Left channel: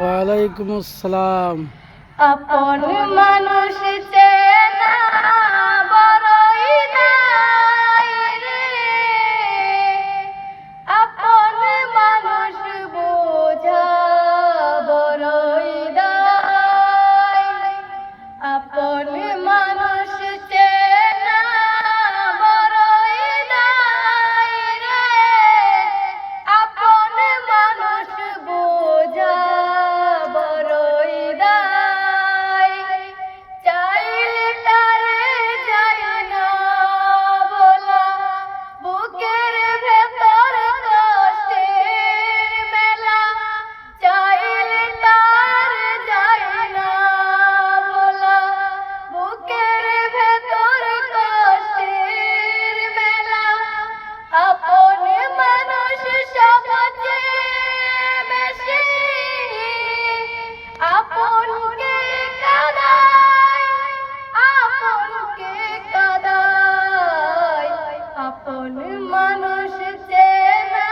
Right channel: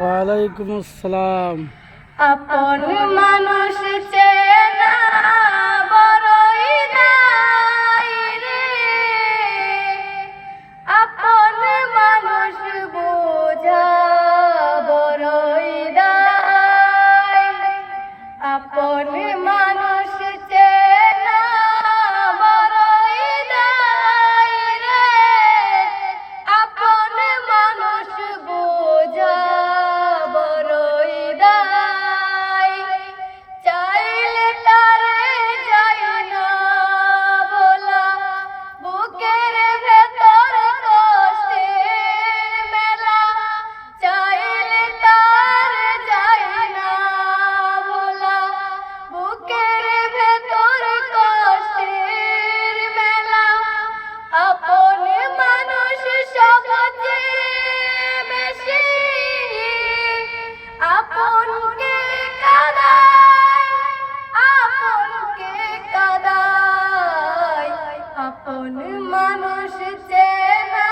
ওয়ালাইকুম আসসালাম। আপন মানুষ চেনা বড়ই নাই রে, আপন মানুষ বোঝা বড়ই দায়। আপন মানুষ চেনা বড়ই দায় রে, আপন মানুষ বোঝা বড়ই দায়। চাইলে তারে যায় না বলা, বুকের ভেতর কষ্টের মেলা। চাইলে তারে যায় না বলা, বুকের ভেতর কষ্টের মেলা। আপন মানুষ সবচেয়ে বেশি আপনকে কাঁদায়, আপনকে কাঁদায়। আপন মানুষ চেনা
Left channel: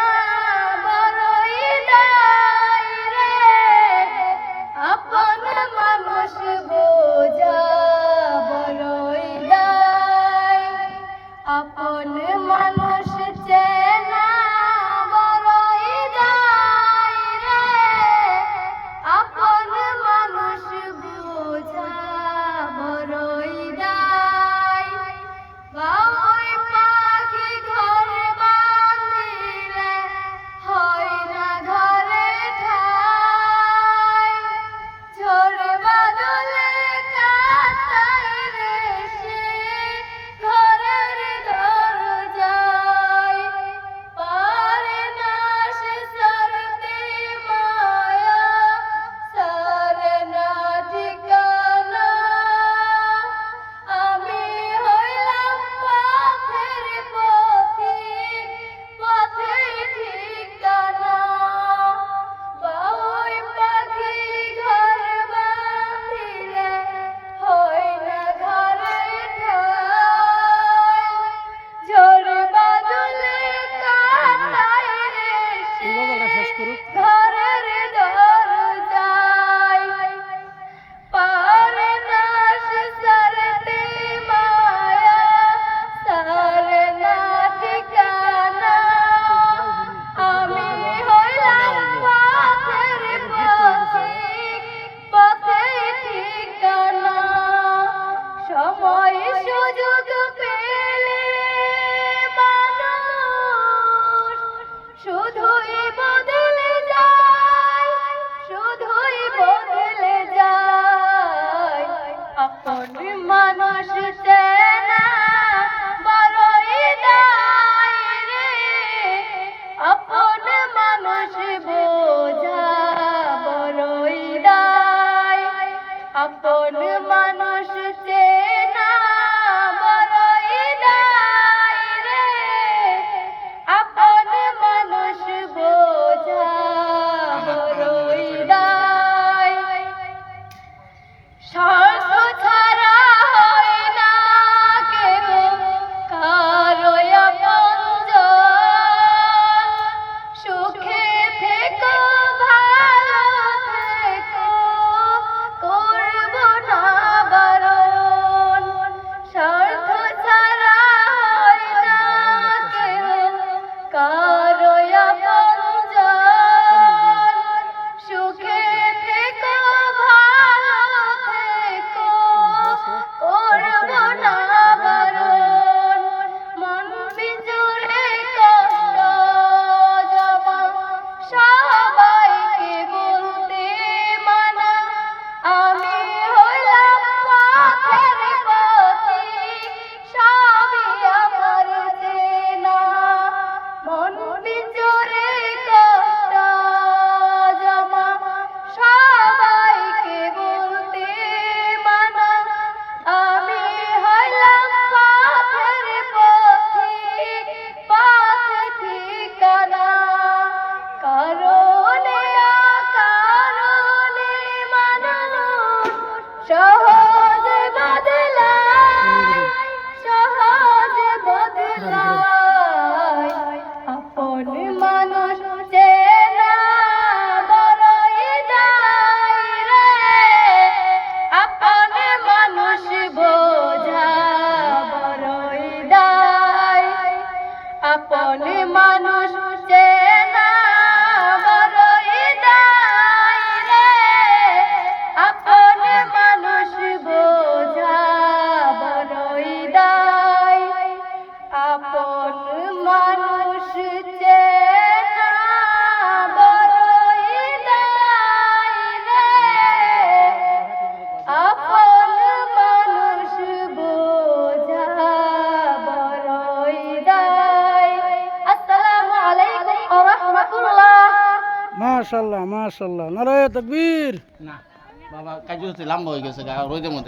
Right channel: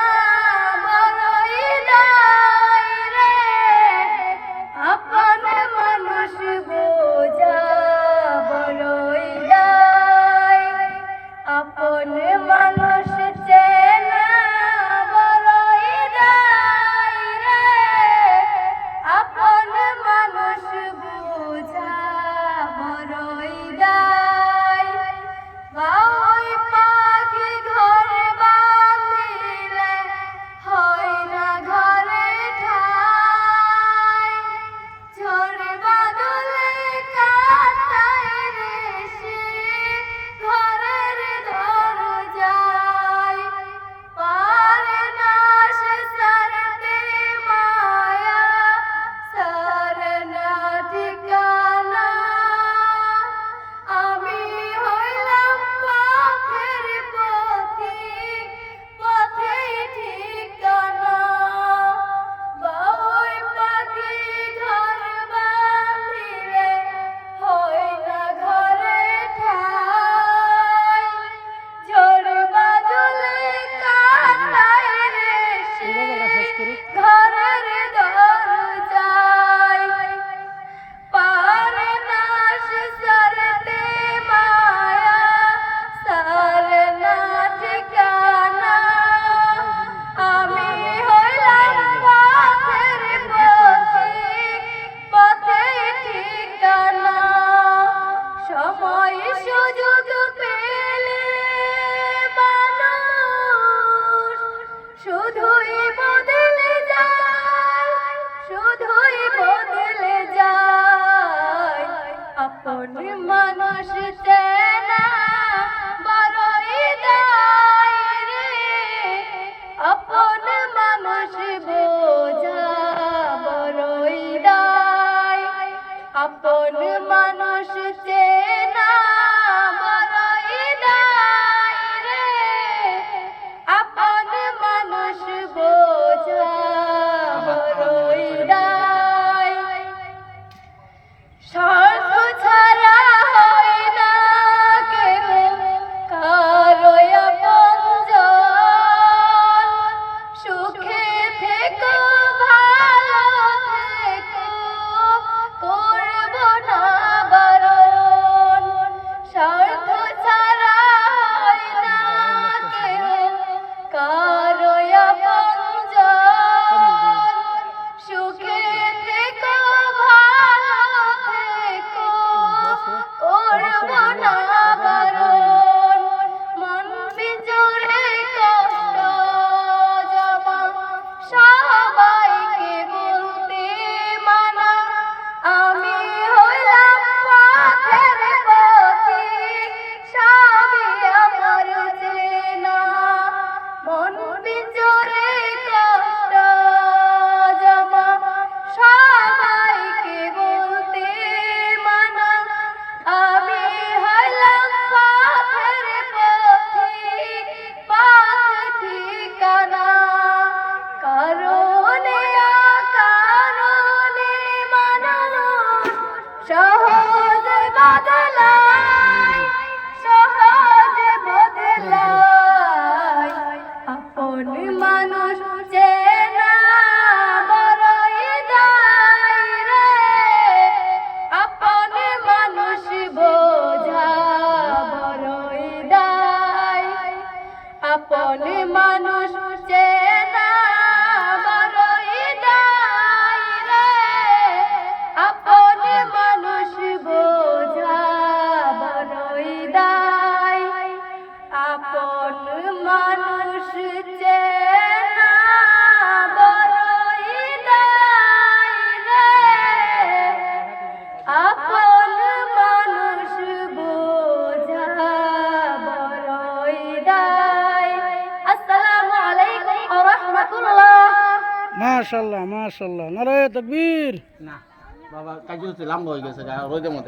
বড়ই দায় রে, আপন মানুষ বোঝা বড়ই দায়। আপন মানুষ চেনা বড়ই দায় রে, আপন মানুষ বোঝা বড়ই দায়। বাবুই পাখি ঘর বাঁধিলে হয় না ঘরে ঠাই, ঝড় বাদলে কাঁটায় রে সে ঘরের দরজায়। পারে না সে ছাড়তে মায়া, ছাড়ে না ঠিকানা। আমি হইলাম পথের পথিক, পথেই ঠিকানা। বাবুই পাখি ঘর বাঁধিলে হয় না ঘরে ঠাই, ঝড় বাদলে কাঁটায় রে সে এই গজলটা শেষ করুক। ঘরের দরজায়। পারে না সে ছাড়তে মায়া, ছাড়ে না ঠিকানা। আমি হইলাম পথের পথিক, পথেই ঠিকানা। সময় সুযোগ পেলে মানুষ শুধুই বদলে যায়, শুধুই বদলে যায়। আপন মানুষ চেনা বড়ই দায় রে, আপন মানুষ বোঝা বড়ই দায়। আপন মানুষ চেনা বড়ই দায় রে, আপন মানুষ বোঝা বড়ই দায়। স্বার্থ ছাড়া হয় না কেহ কারো আপনজন, সুখে থেকো ভালো থেকো করব না বারণ। স্বার্থ ছাড়া হয় না কেহ কারো আপনজন, সুখে থেকো ভালো থেকো করব না বারণ। মন বিজোড়ে কষ্ট জমা সবাইকে বলতে মানা। আমি হইলাম পথের পথিক, সবই আমার চেনা। মন বিজোড়ে কষ্ট জমা সবাইকে বলতে মানা। আমি হইলাম পথের পথিক, পথ ঠিকানা। কারণে অকারণে মানুষ সহজ বদলায়, সহজ বদলায়। আপন মানুষ চেনা বড়ই দায়। আপন মানুষ চেনা বড়ই দায় রে, আপন মানুষ বোঝা বড়ই দায়। আসসালামু আলাইকুম ওয়া রাহমাতুল্লাহ। মাশাআল্লাহ মাশাআল্লাহ, নারায়ে তাকবীর। না বাবা কাজে হচ্ছে লাম্বা হয়ে গেছে রোদের মধ্যে